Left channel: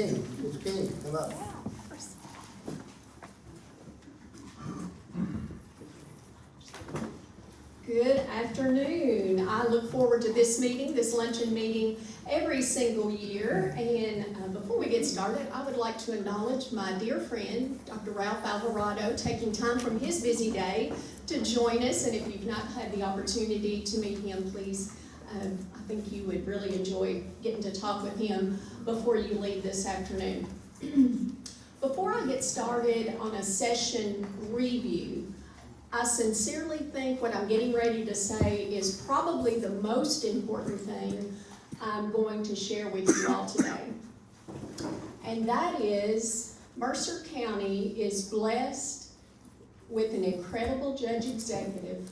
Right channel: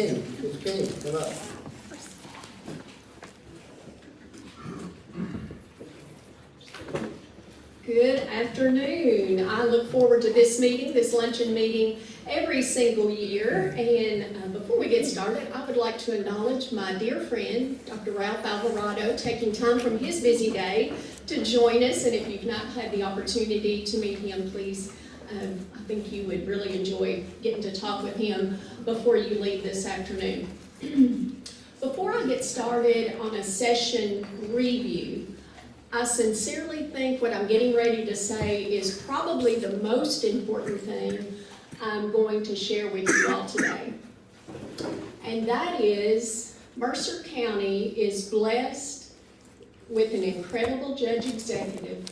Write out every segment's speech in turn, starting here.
Ms. King, come up. Good afternoon. I look forward to this meeting, this luncheon meeting, every single year. And before we get started, I would like to acknowledge my dear friend, Dr. Ralph Alvarado, taking time from his busy day to join us. And if you've not had the opportunity to meet him, please, I think you would really enjoy getting to talk with him before you leave this afternoon. Before I get started on a session review, I sincerely think what I'm getting ready to say is probably the most important thing I'm going to share with you all today. And that is, Mercer County is blessed with an incredible judge executive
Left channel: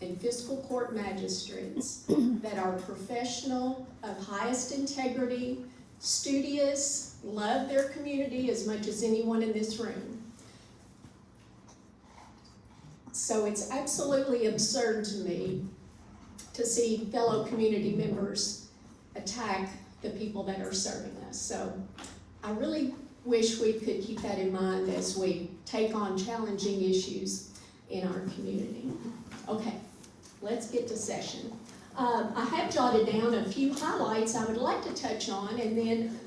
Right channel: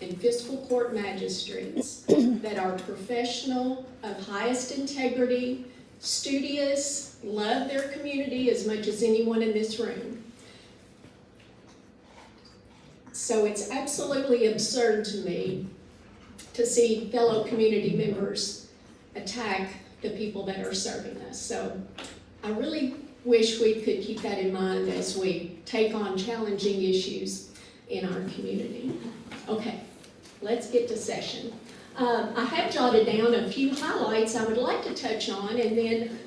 and fiscal court magistrates that are professional, of highest integrity, studious, love their community as much as anyone in this room. So it's absolutely absurd to me to see fellow community members attack the people that are serving us. So I really wish we could keep that in mind as we take on challenging issues in our community. Okay, let's get to session. I have jotted down a few highlights I would like to touch on, and then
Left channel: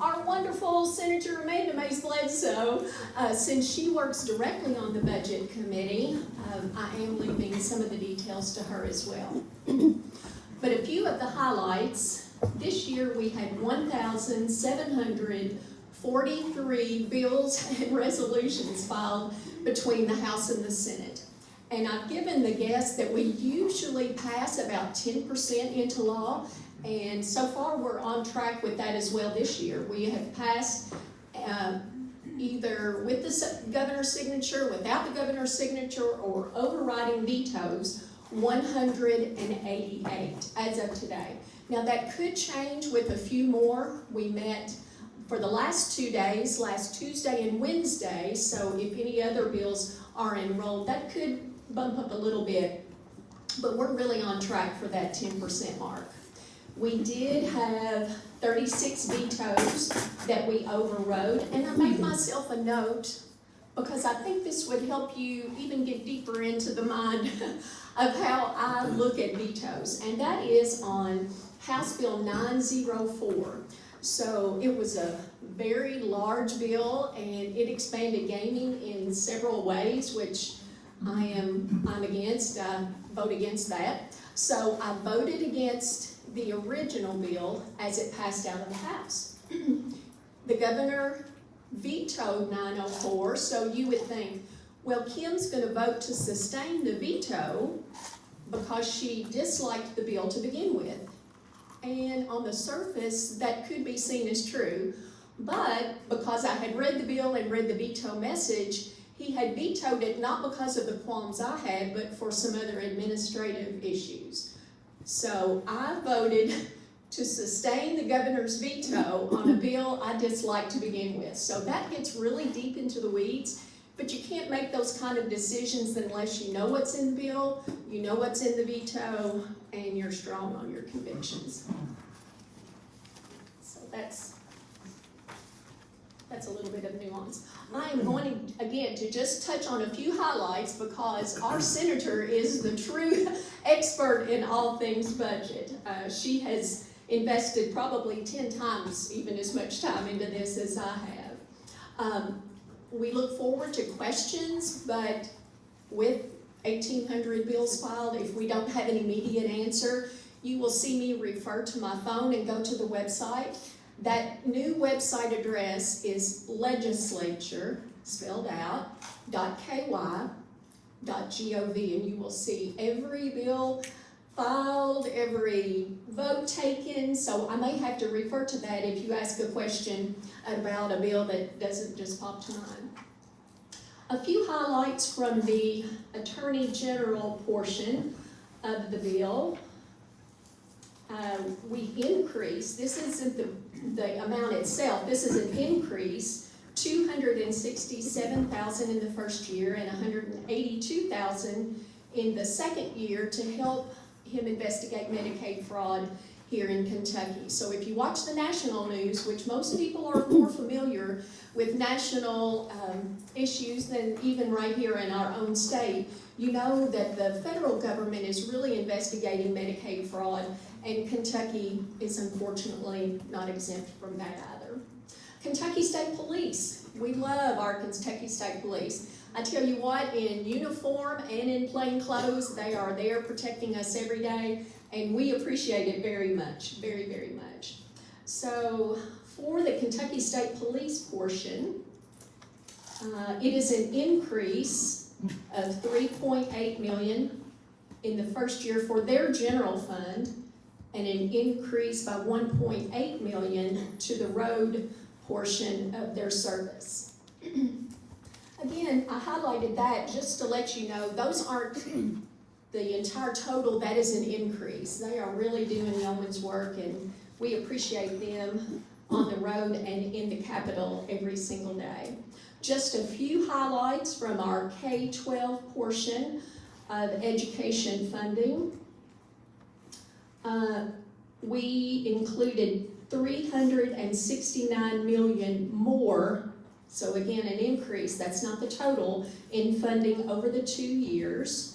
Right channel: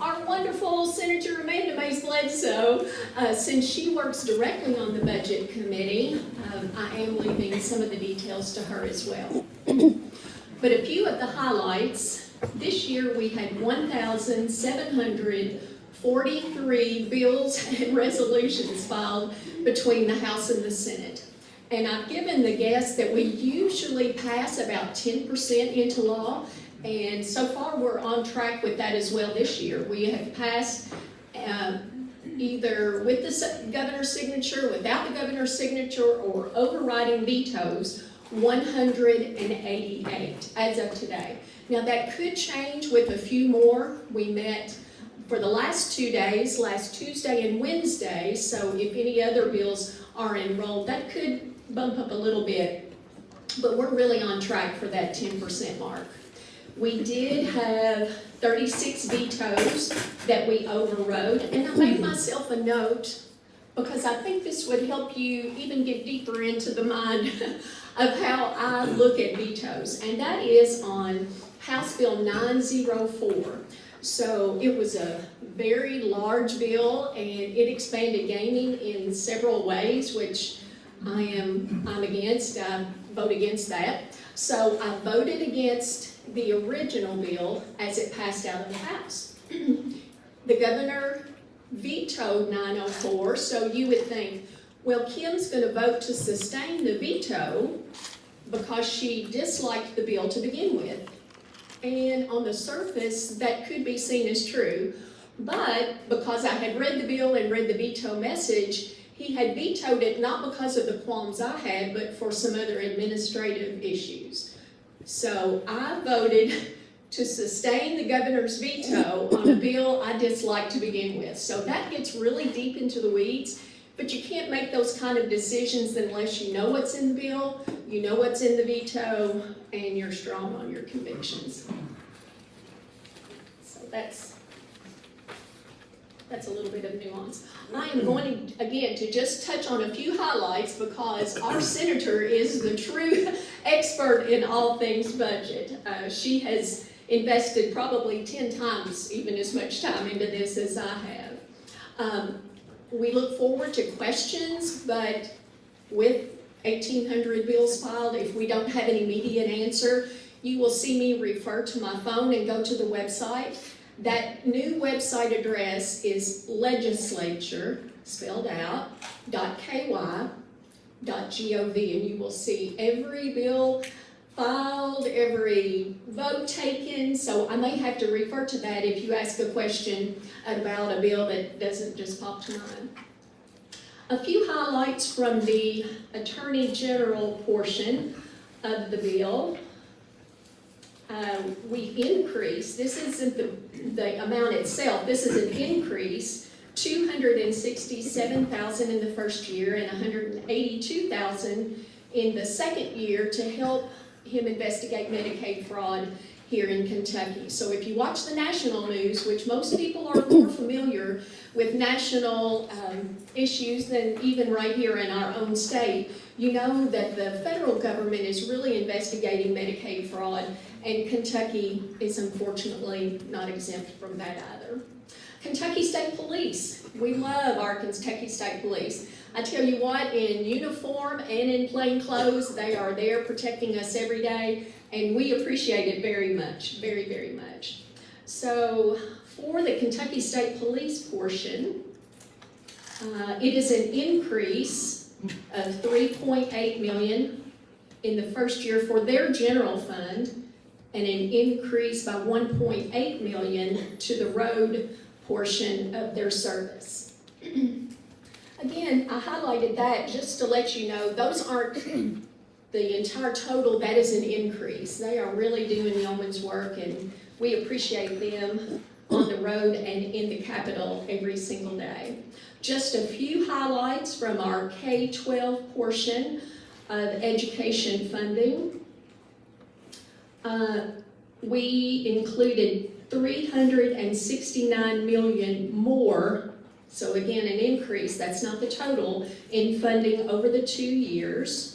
our wonderful Senator Amanda Mays Bledsoe, since she works directly on the budget committee, I am leaving some of the details to her as well. But a few of the highlights: this year we had 1,743 bills and resolutions filed between the House and the Senate. And I've given the guess that we usually pass about 10% into law. And so far, we're on track with that as well this year. We have passed either with the governor's signature, without the governor's signature, or overriding vetoes, 188 as of today. Now, that could change with a few more. We met for the last 2 days, last Tuesday and Wednesday, so if any other bills are enrolled, that could bump up a little bit, but we're really on track for that 10% mark. We did have 36 vetoes that we overrode, and I made myself a note because I think this would help you even get deeper into the mind of how I look at vetoes, and that is on House Bill 904. So it was a very large bill, and it expanded gaming in several ways, which I'm against. I vote against that. So I voted against the original bill as it passed out of the House. The governor vetoed 904, so you would think, well, Kim's going to vote to sustain the veto because she disliked the bill to begin with. And on the surface, that could be seen as true, but because I had read the bill and read the veto message, he had vetoed it not because of the qualms I had, but for some other administrative issues. So I voted to sustain the governor's veto on a bill I disliked to begin with. So that gets really deep into the weeds, but you can't make those kind of decisions unless you know what's in the bill, you know what's in the veto, and you're strong on your convictions. So that's a little bit of nuance. I am going to, again, to just touch on a few highlights because our senator is the true expert in all things budget. She has invested probably 10 times even as much time into this as I have. We look forward to questions, but with 1,800 bills filed, if we don't have an immediate answer, you will see me refer to my phone and go to the website. That new website address is legislature, spelled out, .ky.gov, and you will see every bill filed, every vote taken, so I may have to refer to that if you ask a question about a bill that doesn't just pop to mind. A few highlights from the Attorney General portion of the bill. We increased, this isn't the amount itself, this is an increase, $267,000 in the first year and $182,000 in the second year to help him investigate Medicaid fraud here in Kentucky. So if you watch the national news, which most people are more familiar with national issues than even right here in our own state, you know that the federal government is really investigating Medicaid fraud, and Kentucky is unfortunately not exempt from that either. Kentucky State Police. We love our Kentucky State Police. I tell you what, in uniform and in plain clothes, they are there protecting us every day, and we appreciate it very much, very, very much. So for the Kentucky State Police portion, it is an increase of $3.8 million in the first year for their general fund, and an increase by $1.8 million to the road portion of their service. Again, I highlighted that just to let you know those aren't the entire total. That is an increase. They are really doing yeoman's work, and we appreciate them on the road and in the Capitol every single day. Just a few highlights from our K-12 portion of education funding. We included $369 million more, so again an increase, that's not the total, in funding over the 2 years.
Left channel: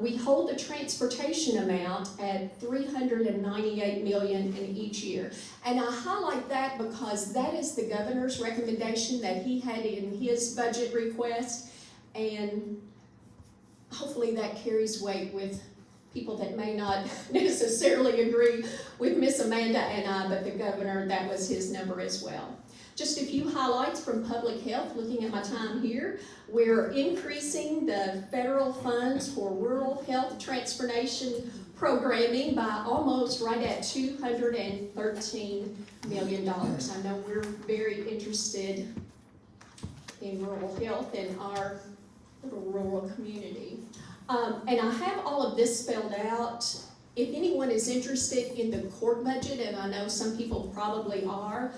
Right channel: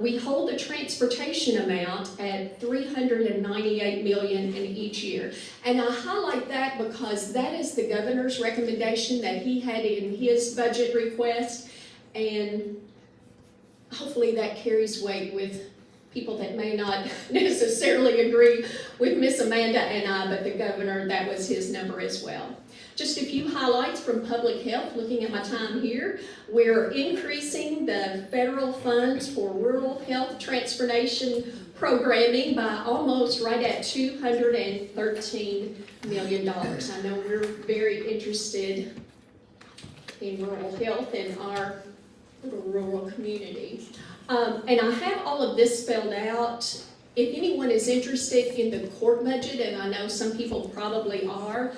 We hold the transportation amount at $398 million in each year. And I highlight that because that is the governor's recommendation that he had in his budget request, and hopefully that carries weight with people that may not necessarily agree with Miss Amanda and I, but the governor, that was his number as well. Just a few highlights from public health, looking at my time here. We're increasing the federal funds for rural health transportation programming by almost right at $213 million. I know we're very interested in rural health in our little rural community. And I have all of this spelled out. If anyone is interested in the court budget, and I know some people probably are,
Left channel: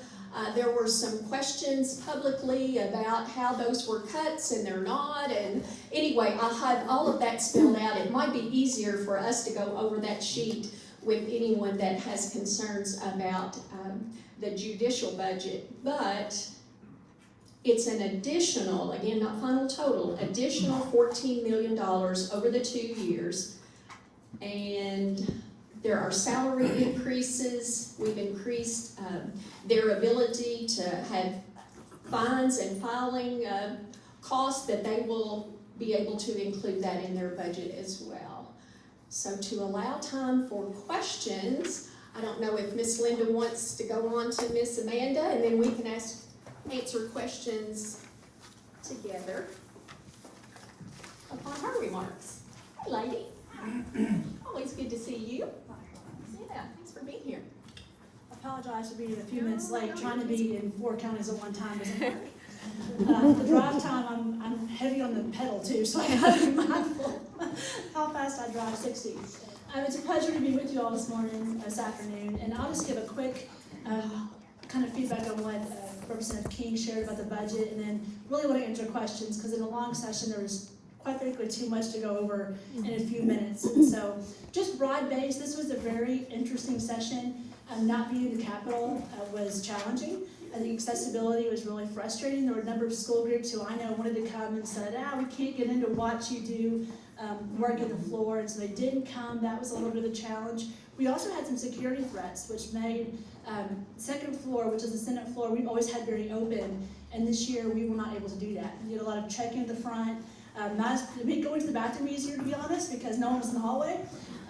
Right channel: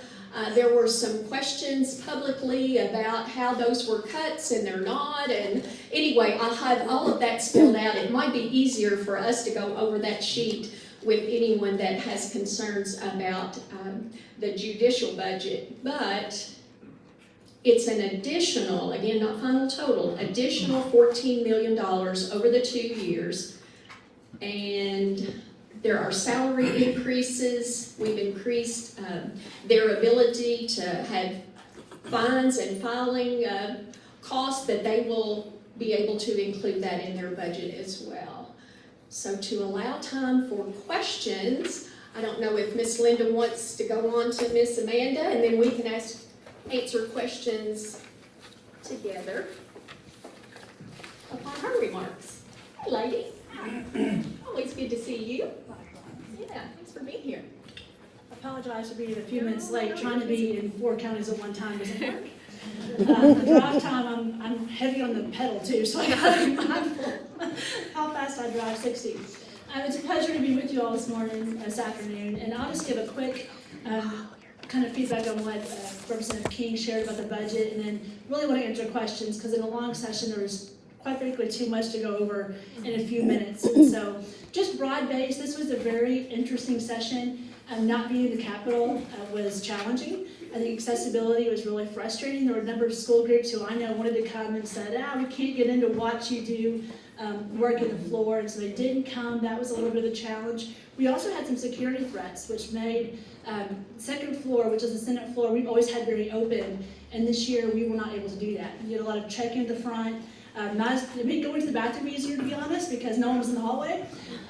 there were some questions publicly about how those were cuts and they're not. And anyway, I have all of that spelled out. It might be easier for us to go over that sheet with anyone that has concerns about the judicial budget. But it's an additional, again, not final total, additional $14 million over the 2 years. And there are salary increases. We've increased their ability to have fines and filing costs, that they will be able to include that in their budget as well. So to allow time for questions, I don't know if Miss Linda wants to go on to Miss Amanda, and then we can answer questions together upon her remarks. Hi, lady. Always good to see you. Yeah, thanks for being here. I apologize for being a few minutes late. Trying to be in 4 counties at one time doesn't work. The drive time, I'm heavy on the pedal too, so I gotta be mindful how fast I drive, 60. It's a pleasure to be with you all this afternoon, and I'll just give a quick kind of feedback on what Representative King shared about the budget, and then really want to answer questions, because in a long session there was quite frankly too much to go over in a few minutes. And so just broad-based, this was a very interesting session. Not being in the Capitol was challenging. I think accessibility was really frustrating. There were a number of school groups who I know wanted to come and said, we can't get in to watch you do work in the floor, and so they didn't come. That was a little bit of a challenge. We also had some security threats, which made second floor, which is the Senate floor, we've always had very open, and this year we were not able to do that. You had a lot of check-in at the front. It made going to the bathroom easier, to be honest, because no one was in the hallway,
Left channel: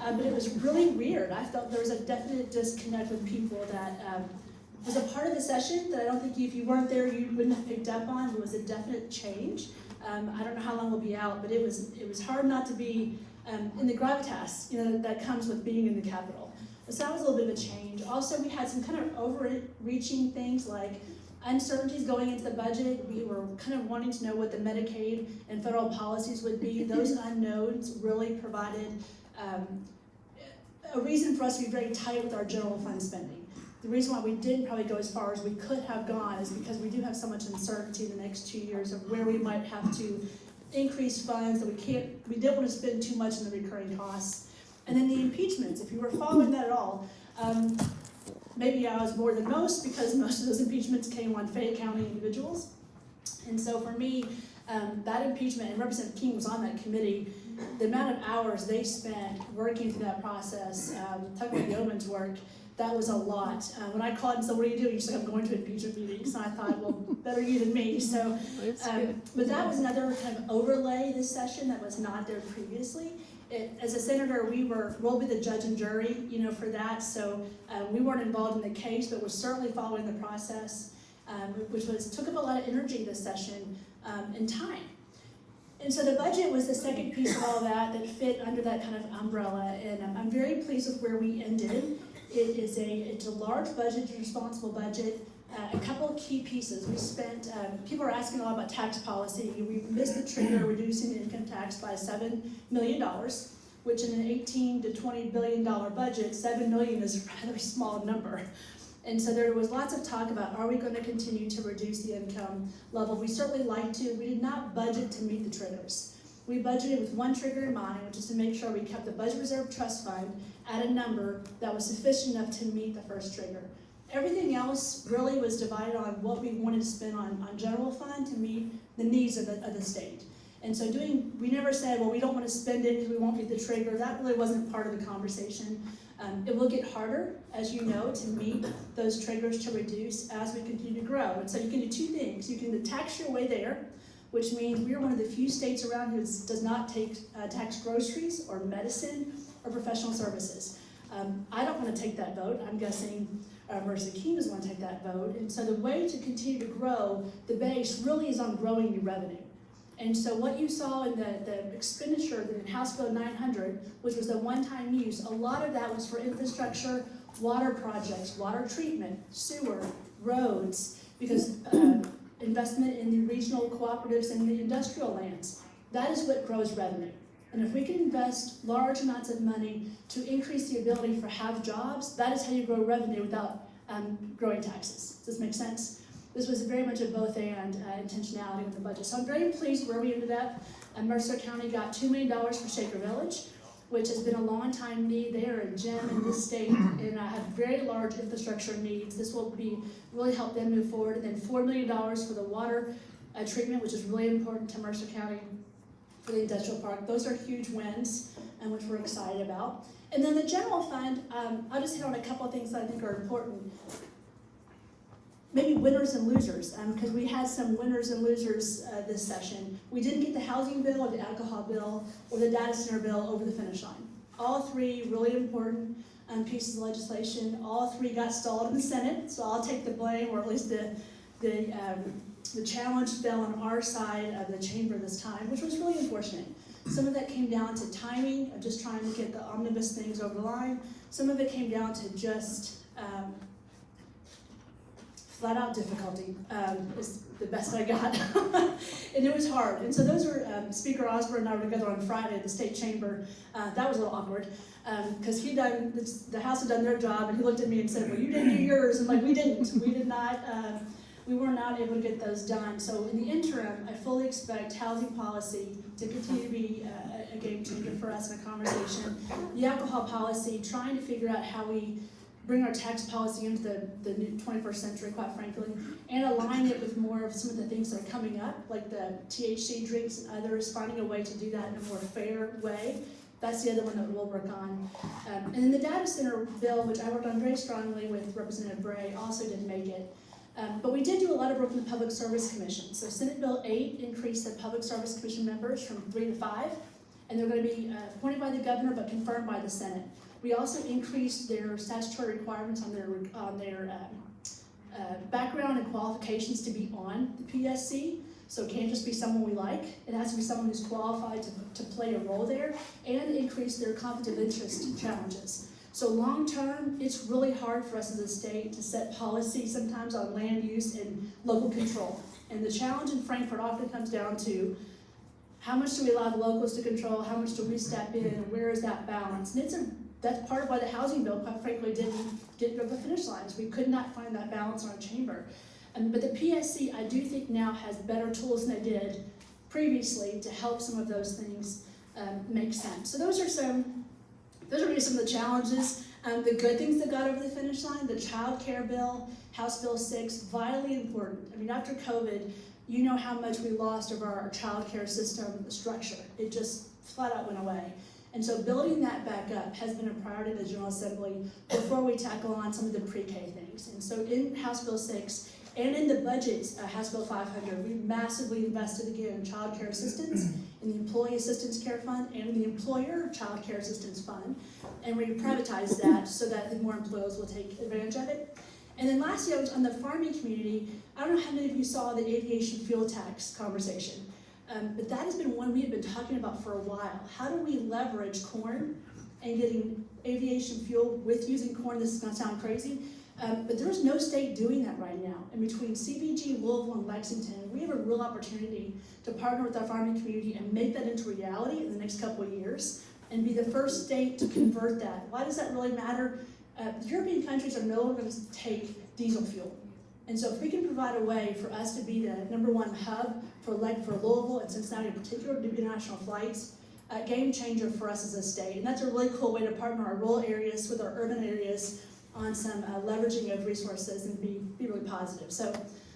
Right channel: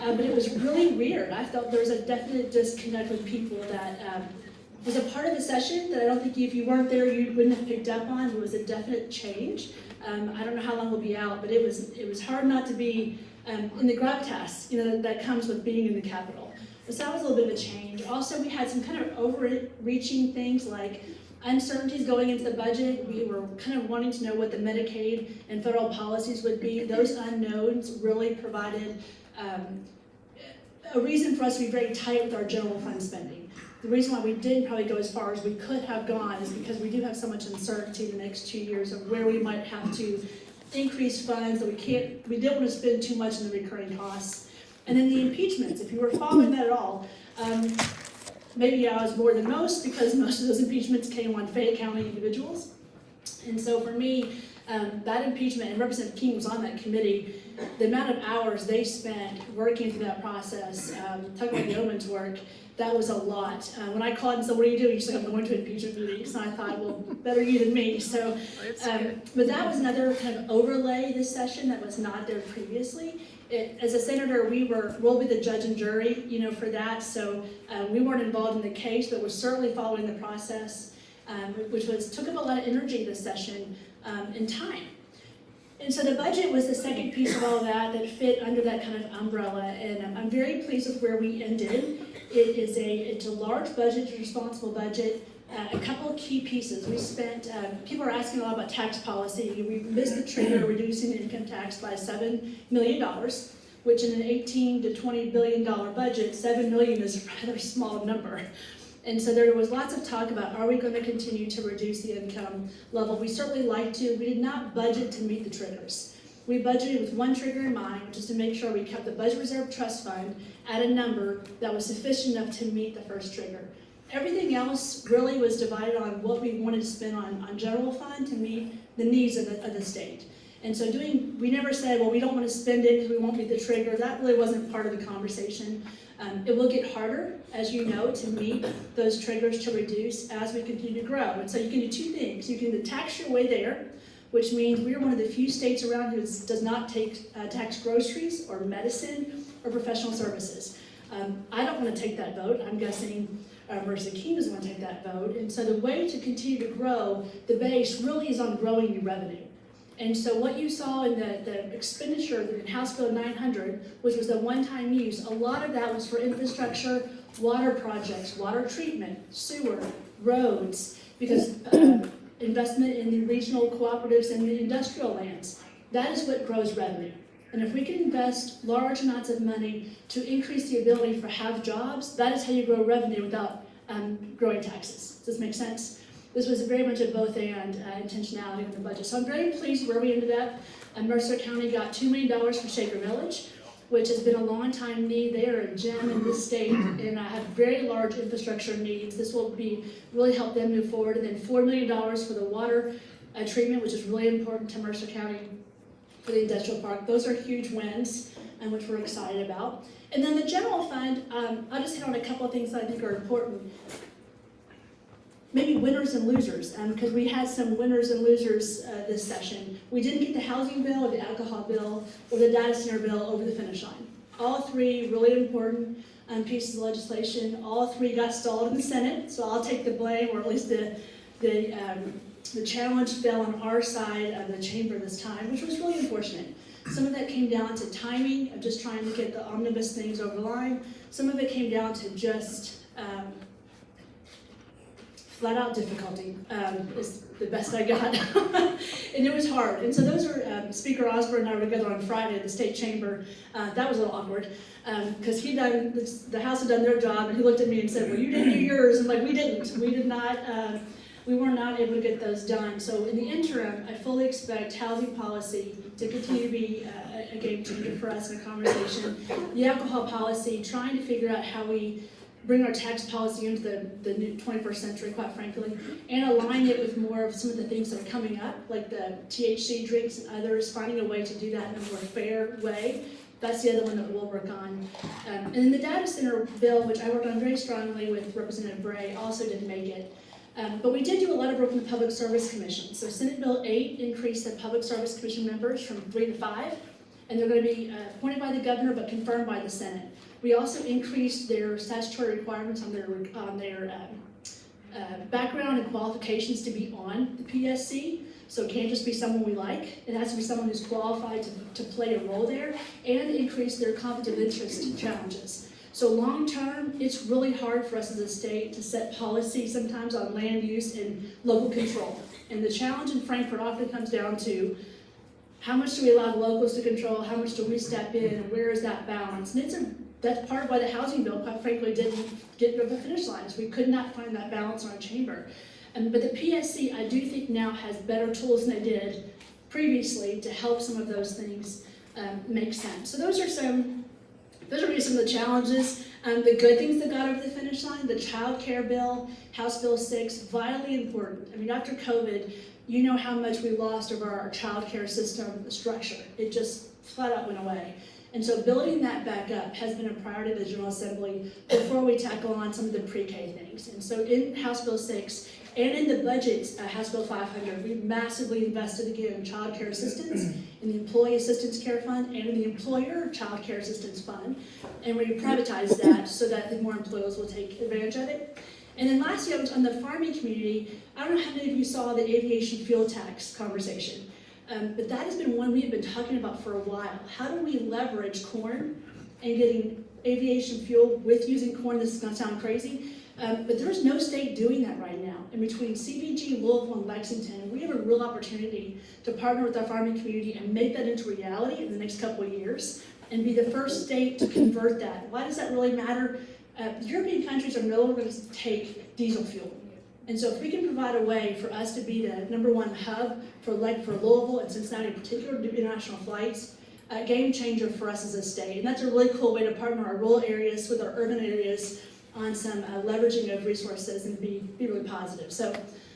but it was really weird. I felt there was a definite disconnect with people that was a part of the session that I don't think if you weren't there you wouldn't have picked up on. It was a definite change. I don't know how long we'll be out, but it was hard not to be in the gravitas, that comes with being in the Capitol. So that was a little bit of a change. Also, we had some kind of overreaching things like uncertainties going into the budget. We were kind of wanting to know what the Medicaid and federal policies would be. Those unknowns really provided a reason for us to be very tight with our general fund spending. The reason why we didn't probably go as far as we could have gone is because we do have so much uncertainty the next 2 years of where we might have to increase funds, that we didn't want to spend too much in the recurring costs. And then the impeachments, if you were following that at all, maybe I was more than most because most of those impeachments came on Fayette County individuals. And so for me, that impeachment, and Representative King was on that committee, the amount of hours they spent working through that process, talking about yeoman's work, that was a lot. When I called and said, what are you doing? She said, I'm going to impeachment meetings. And I thought, well, better you than me. So, but that was another kind of overlay this session that was not there previously. As a senator, we'll be the judge and jury, for that. So we weren't involved in the case, but we're certainly following the process, which took up a lot of energy this session and time. And so the budget was the second piece of all of that fit under that kind of umbrella, and I'm very pleased with where we ended. It's a large budget, a responsible budget. A couple of key pieces. We spent, people are asking a lot about tax policy. We missed the trigger reducing the income tax by $7 million, which in an $18 to $20 billion budget, $7 million is a rather small number. And so there was lots of talk about, are we going to continue to reduce the income level? We certainly like to. We did not budget to meet the triggers. We budgeted with one trigger in mind, which is to make sure we kept the budget reserve trust fund at a number that was sufficient enough to meet the first trigger. Everything else really was divided on what we wanted to spend on general fund to meet the needs of the state. And so we never said, well, we don't want to spend it because we won't meet the trigger. That really wasn't part of the conversation. It will get harder, as you know, to meet those triggers to reduce as we continue to grow. And so you can do two things. You can tax your way there, which means we are one of the few states around who does not tax groceries or medicine or professional services. I don't want to take that vote. I'm guessing Mercer King doesn't want to take that vote. And so the way to continue to grow the base really is on growing your revenue. And so what you saw in the expenditure in House Bill 900, which was the one-time use, a lot of that was for infrastructure, water projects, water treatment, sewer, roads, because investment in the regional cooperatives and the industrial lands. That is what grows revenue. And if we can invest large amounts of money to increase the ability for have jobs, that is how you grow revenue without growing taxes. Does this make sense? This was very much a both and intentionality in the budget. So I'm very pleased where we ended up. Mercer County got $2 million for Shaker Village, which has been a long time need. They are a gem in this state and have very large infrastructure needs. This will really help them move forward. And then $4 million for the water treatment, which is really important to Mercer County for the industrial park. Those are huge wins, which we're excited about. And then the general fund, I'll just hit on a couple of things that I think are important. Maybe winners and losers, because we had some winners and losers this session. We didn't get the housing bill or the alcohol bill or the data center bill over the finish line. All three really important pieces of legislation. All three got stalled in the Senate, so I'll take the blame, or at least the challenge fell on our side of the chamber this time, which was really unfortunate. Some of that came down to timing of just trying to get the omnibus things over the line. Some of it came down to just flat out difficulty is the best I got. And it was hard. And so those are, Speaker Osborne and I were together on Friday at the state chamber. That was a little awkward because the House had done their job and he looked at me and said, well, you didn't do yours. I'm like, we didn't. We were not able to get those done. So in the interim, I fully expect housing policy to continue to be a game changer for us in a conversation. The alcohol policy, trying to figure out how we bring our tax policy into the new 21st century, quite frankly, and align it with more of some of the things that are coming up, like the THC drinks and others, finding a way to do that in a more fair way. That's the other one that we'll work on. And then the data center bill, which I worked on very strongly with Representative Bray, also didn't make it. But we did do a lot of work in the Public Service Commission. So Senate Bill 8 increased the Public Service Commission members from 3 to 5, and they're going to be appointed by the governor but confirmed by the Senate. We also increased their statutory requirements on their background and qualifications to be on the PSC. So it can't just be someone we like. It has to be someone who's qualified to play a role there, and increase their conflict of interest challenges. So long term, it's really hard for us as a state to set policy sometimes on land use and local control. And the challenge in Frankfurt often comes down to how much do we allow the locals to control, how much do we step in, and where is that balance? And that's part of why the housing bill, quite frankly, didn't get over the finish line, is we could not find that balance in our chamber. But the PSC, I do think now has better tools than they did previously to help some of those things make sense. So those are some those are really some of the challenges. The good things that got over the finish line, the child care bill, House Bill 6, vitally important. I mean, after COVID, you know how much we lost of our child care system, the structure. It just flat out went away. And so building that back up has been a priority of the General Assembly before we tackle on some of the pre-K things. And so in House Bill 6 and in the budget, House Bill 500, we massively invested again in child care assistance, in the Employee Assistance Care Fund, and in the Employer Child Care Assistance Fund. And we privatized that so that the more employers will take advantage of it. And then lastly, I was on the farming community. I don't know how many of you saw the aviation fuel tax conversation. But that has been one we have been talking about for a while. How do we leverage corn and getting aviation fuel with using corn? This is going to sound crazy, but there's no state doing that right now. And between CVG, Louisville, and Lexington, we have a real opportunity to partner with our farming community and make that into reality in the next couple of years and be the first state to convert that. Why does that really matter? European countries are no longer going to take diesel fuel. And so if we can provide a way for us to be the #1 hub for Louisville and Cincinnati in particular to do international flights, a game changer for us as a state. And that's a really cool way to partner our rural areas with our urban areas on some leveraging of resources and be really positive. So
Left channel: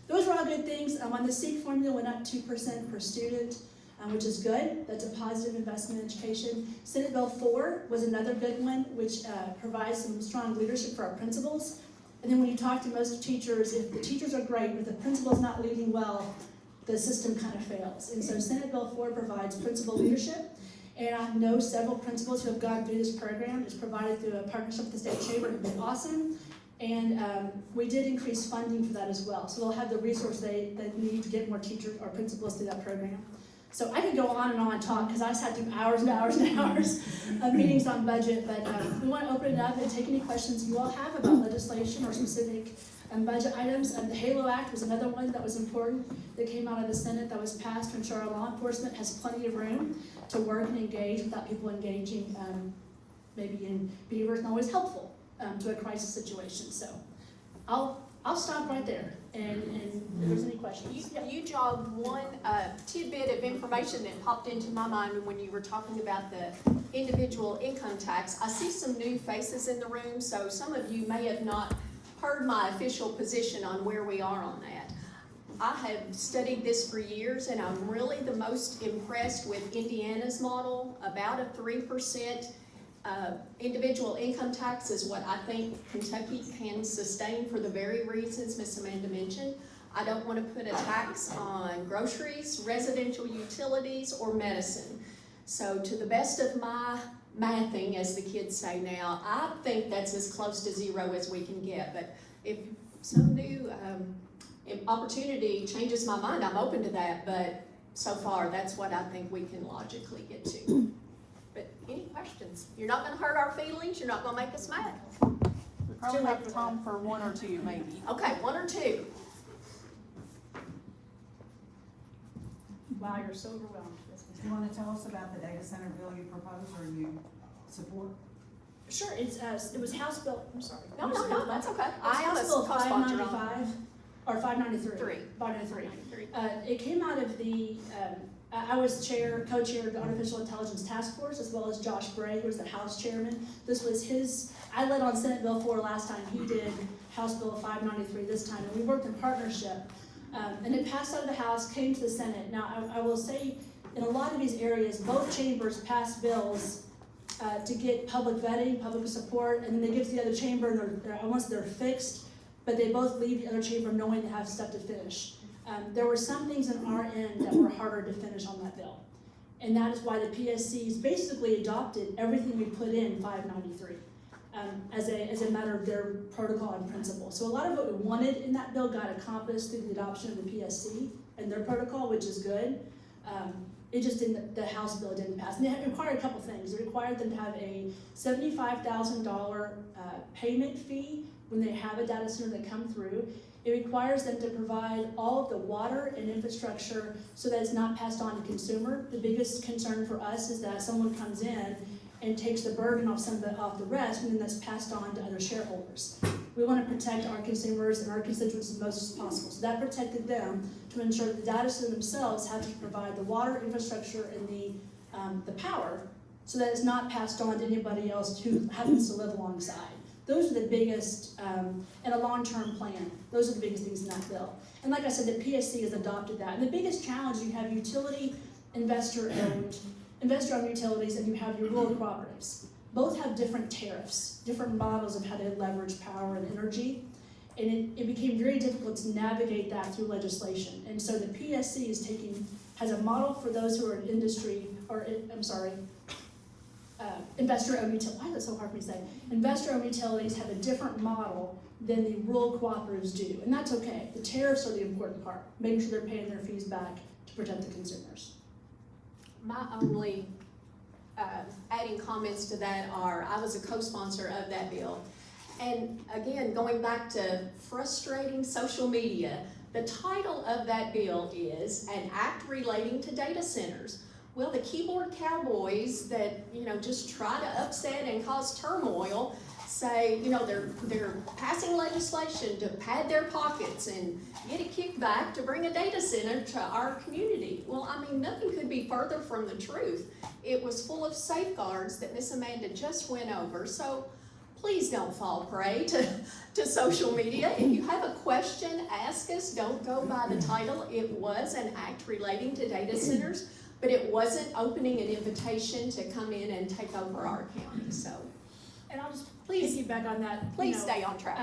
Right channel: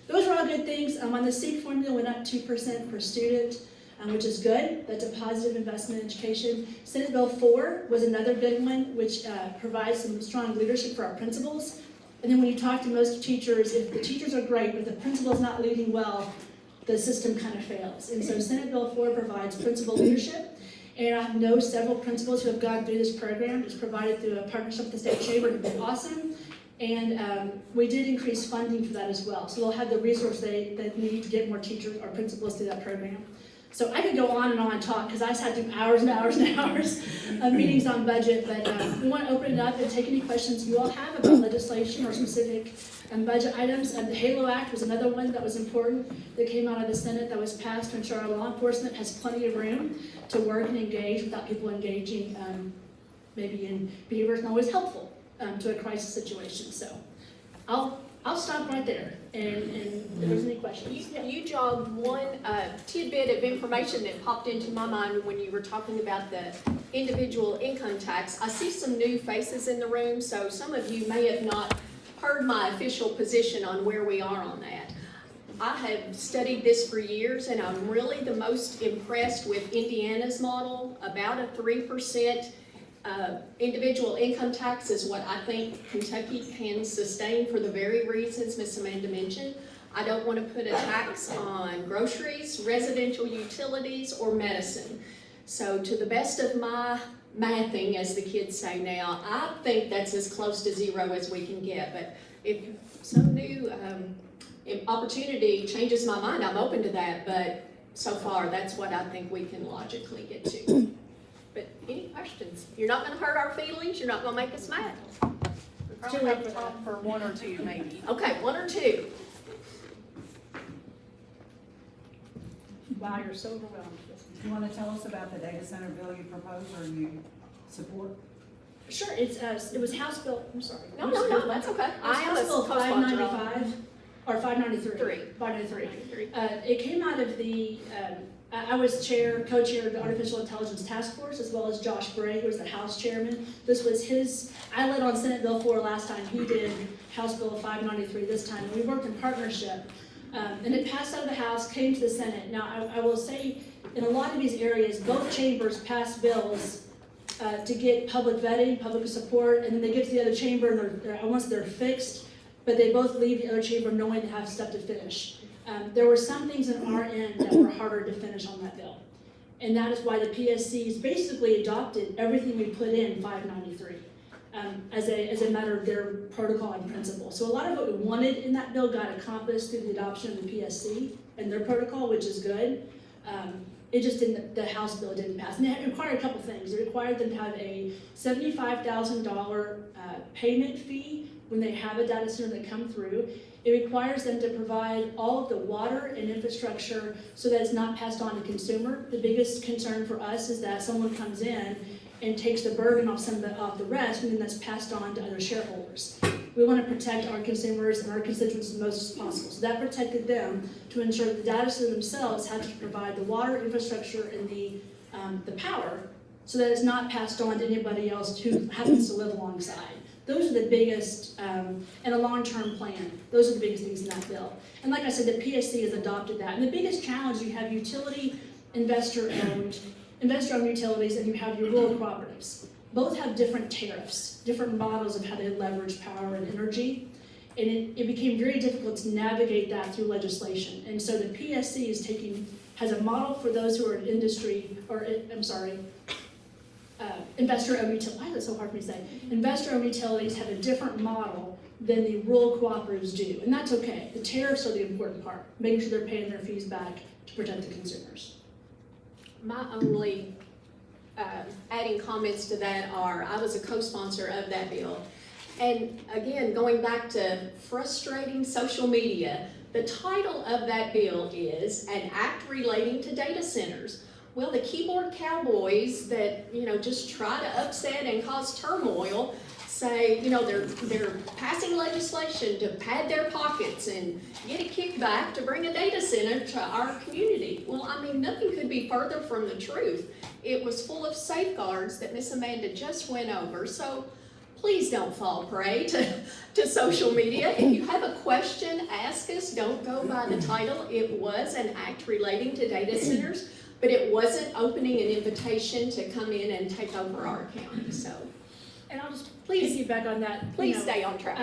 those are all good things. On the SEEK formula went up 2% per student, which is good. That's a positive investment in education. Senate Bill 4 was another good one, which provides some strong leadership for our principals. And then when you talk to most teachers, if the teachers are great, but the principal's not leading well, the system kind of fails. And so Senate Bill 4 provides principal leadership. And I know several principals who have gone through this program. It's provided through a partnership with the state chamber. It's been awesome. And we did increase funding for that as well. So they'll have the resource they need to get more teachers or principals through that program. So I could go on and talk because I sat through hours and hours and hours of meetings on budget, but we want to open it up and take any questions you all have about legislation or specific budget items. The HALO Act was another one that was important that came out of the Senate that was passed to ensure our law enforcement has plenty of room to work and engage without people engaging maybe in behaviors not always helpful to a crisis situation. So I'll stop right there, and if there's any questions. You jogged one tidbit of information that popped into my mind when you were talking about the individual income tax. I see some new faces in the room, so some of you may have not heard my official position on where we are on that. I have studied this for years, and I'm really the most impressed with Indiana's model. About a 3% individual income tax is what I think Kentucky can sustain for the very reasons Miss Amanda mentioned. I don't want to put a tax on groceries, residential utilities, or medicine. So to the best of my mathing, as the kids say now, I think that's as close to zero as we can get. But if some new opportunity changes my mind, I'm open to that. But so far, that's what I think we can logically get to. But any questions? You're not going to hurt our feelings. You're not going to make us mad. Too late for time for one or two, maybe. Okay, one or two. Wow, you're so overwhelmed. You want to tell us about the data center bill you proposed or you support? Sure, it was House Bill, I'm sorry. No, that's okay. I am a House Bill co-sponsor on 595, or 593. 593. It came out of the, I was co-chair of the Artificial Intelligence Task Force, as well as Josh Bray, who was the House chairman. This was I led on Senate Bill 4 last time. He did House Bill 593 this time, and we worked in partnership. And it passed out of the House, came to the Senate. Now, I will say, in a lot of these areas, both chambers passed bills to get public vetting, public support, and then they get to the other chamber and they're fixed, but they both leave the other chamber knowing they have stuff to finish. There were some things on our end that were harder to finish on that bill. And that is why the PSCs basically adopted everything we put in 593 as a matter of their protocol and principle. So a lot of what we wanted in that bill got accomplished through the adoption of the PSC and their protocol, which is good. It just didn't, the House bill didn't pass. And it required a couple things. It required them to have a $75,000 payment fee when they have a data center that come through. It requires them to provide all of the water and infrastructure so that it's not passed on to consumer. The biggest concern for us is that someone comes in and takes the burden off the rest, and then that's passed on to other shareholders. We want to protect our consumers and our constituents as much as possible. So that protected them to ensure that the data center themselves had to provide the water, infrastructure, and the power so that it's not passed on to anybody else who happens to live alongside. Those are the biggest, and a long-term plan. Those are the biggest things in that bill. And like I said, the PSC has adopted that. And the biggest challenge, you have utility investor-owned utilities, and you have your rural cooperatives. Both have different tariffs, different models of how they leverage power and energy. And it became very difficult to navigate that through legislation. And so the PSC has a model for those who are in industry, investor-owned utilities. Why is it so hard for me to say? Investor-owned utilities have a different model than the rural cooperatives do, and that's okay. The tariffs are the important part, making sure they're paying their fees back to protect the consumers. My only adding comments to that are, I was a co-sponsor of that bill. And again, going back to frustrating social media, the title of that bill is An Act Relating to Data Centers. Well, the keyboard cowboys that, just try to upset and cause turmoil say, they're passing legislation to pad their pockets and get a kickback to bring a data center to our community. Well, nothing could be further from the truth. It was full of safeguards that Miss Amanda just went over. So please don't fall prey to social media. If you have a question, ask us. Don't go by the title. It was an act relating to data centers, but it wasn't opening an invitation to come in and take over our county. So, And I'll just Please- piggyback on that. please stay on track.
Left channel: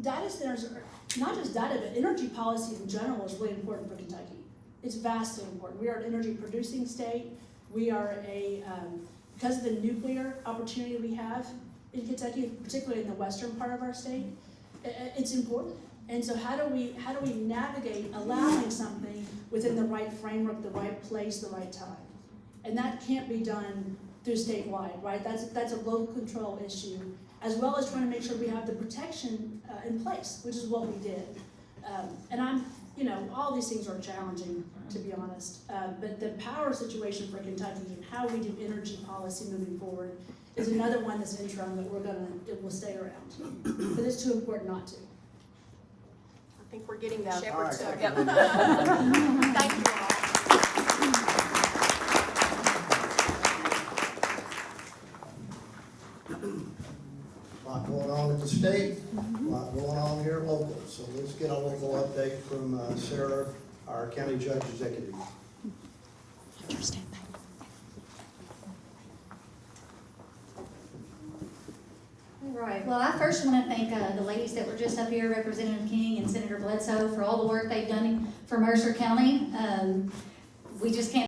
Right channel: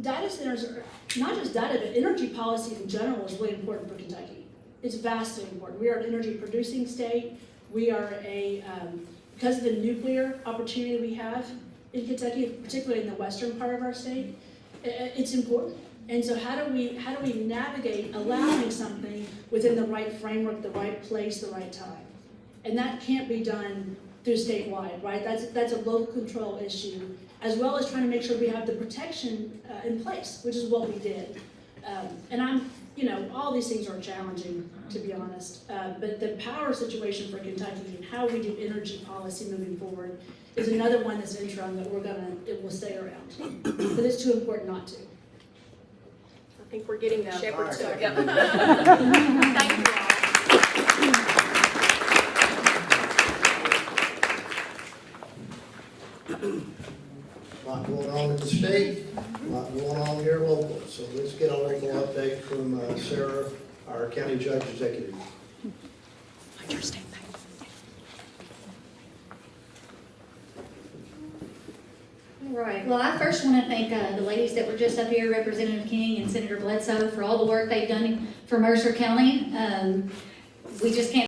Data centers are, not just data, but energy policy in general is really important for Kentucky. It's vastly important. We are an energy producing state. We are because of the nuclear opportunity we have in Kentucky, particularly in the western part of our state, it's important. And so how do we navigate allowing something within the right framework, the right place, the right time? And that can't be done through statewide, right? That's a local control issue, as well as trying to make sure we have the protection in place, which is what we did. And all these things are challenging, to be honest. But the power situation for Kentucky and how we do energy policy moving forward is another one that's interim that it will stay around. But it's too important not to. I think we're getting the shepherd's All right. dog. Thank you all. A lot going on in the state, a lot going on here local. So let's get a local update from Sarah, our county judge executive. All right, well, I first want to thank the ladies that were just up here, Representative King and Senator Bledsoe, for all the work they've done for Mercer County. We just can't